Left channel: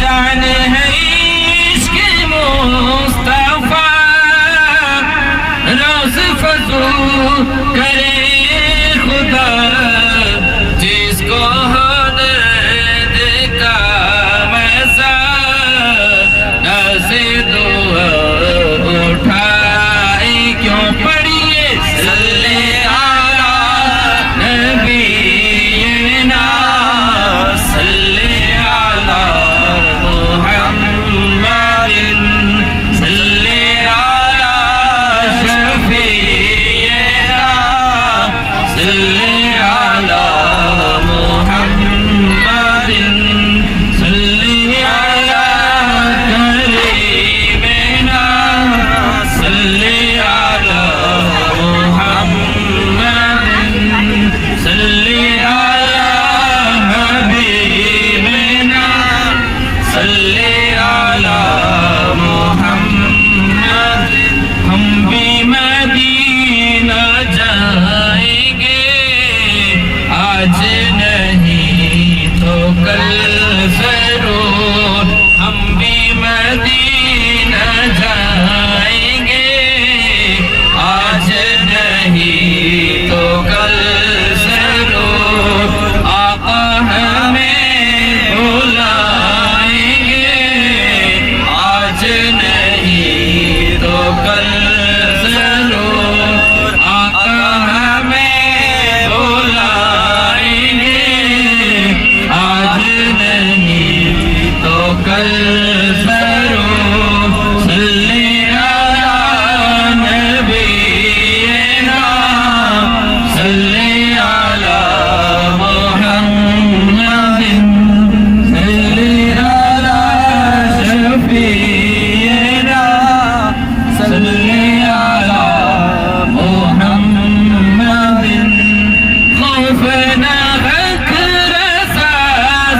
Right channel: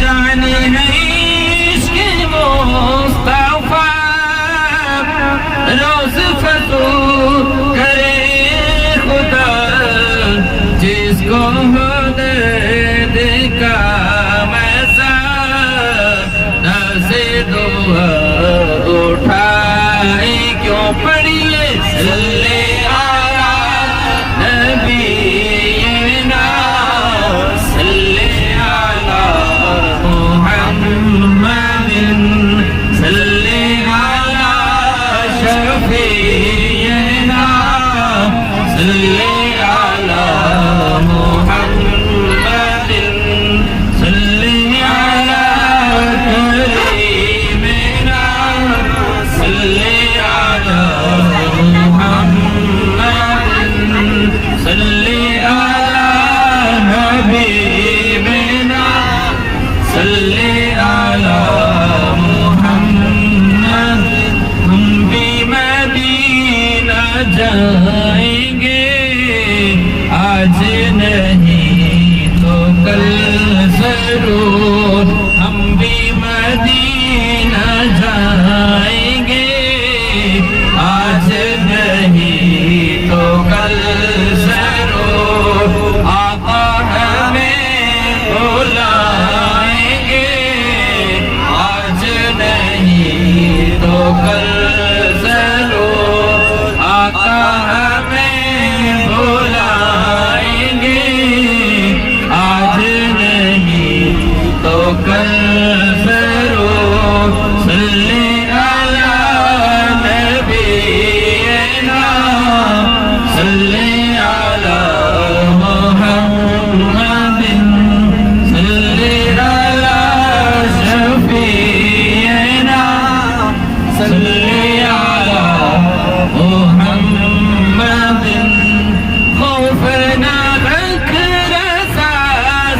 جانے ہے عشق مصطفیٰ روز فضول کرے خدا جس کو درد کا میسا نازے دعا اٹھائے کیوں پڑھیے صلی علی نبینا صلی علی محمد صلی علی شفیعنا صلی علی محمد صلی علی کریمنا صلی علی محمد صلی علی حبیبنا صلی علی محمد ہم بھی مدینہ جائیں گے آج نہیں تو کل ضرور ہم بھی مدینہ جائیں گے آج نہیں تو کل ضرور آقا ہمیں بلائیں گے آج نہیں تو کل ضرور آقا ہمیں بلائیں گے آج نہیں تو کل ضرور صلی علی نبینا صلی علی محمد صلی علی شفیعنا صلی علی محمد خوف نہ رکھ رسا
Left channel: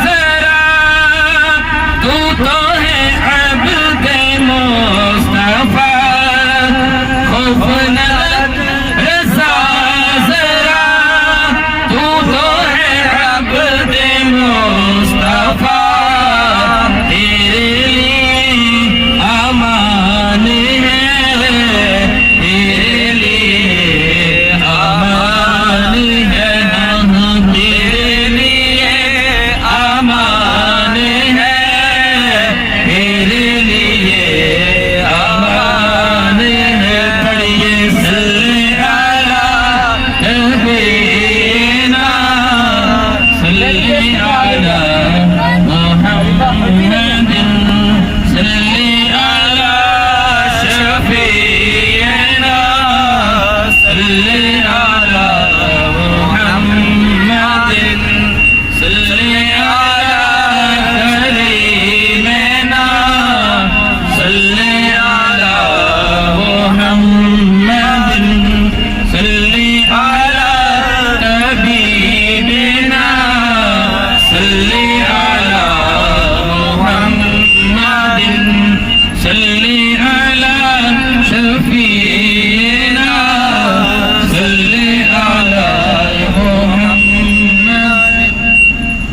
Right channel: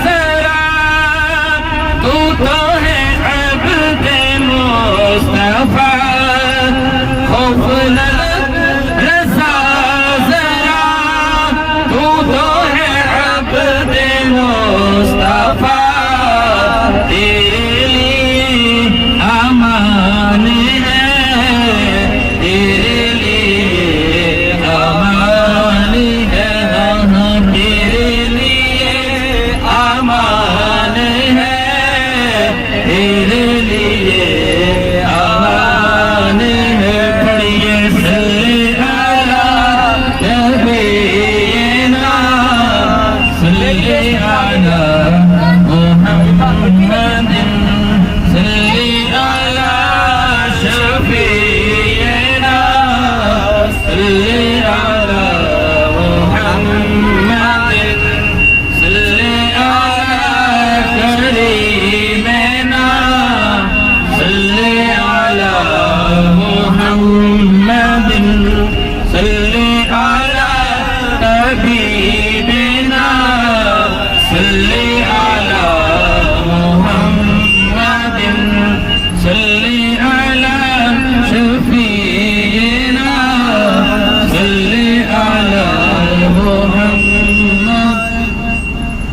ذرا تو ہے عبد مصطفیٰ خوف نہ رکھ رسا ذرا تو ہے عبد مصطفیٰ تیرے لیے امان ہے تیرے لیے امان ہے تیرے لیے امان ہے تیرے لیے امان ہے پڑھیے صلی علی نبینا صلی علی محمد صلی علی شفیعنا صلی علی محمد صلی علی کریمنا صلی علی محمد صلی علی حبیبنا صلی علی محمد صلی علی شفیعنا صلی علی محمد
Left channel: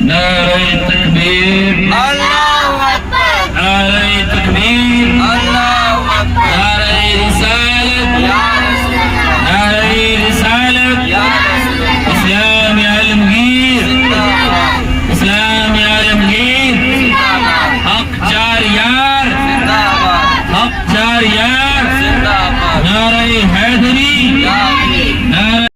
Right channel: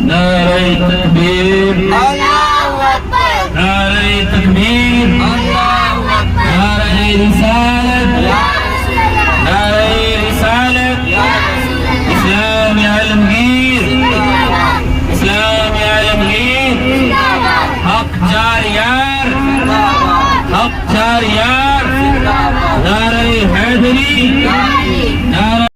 نعرہ تکبیر نعرہ تکبیر نعرہ رسالت نعرہ رسالت اسلام عالمگیر اسلام عالمگیر حق چار یار حق چار یار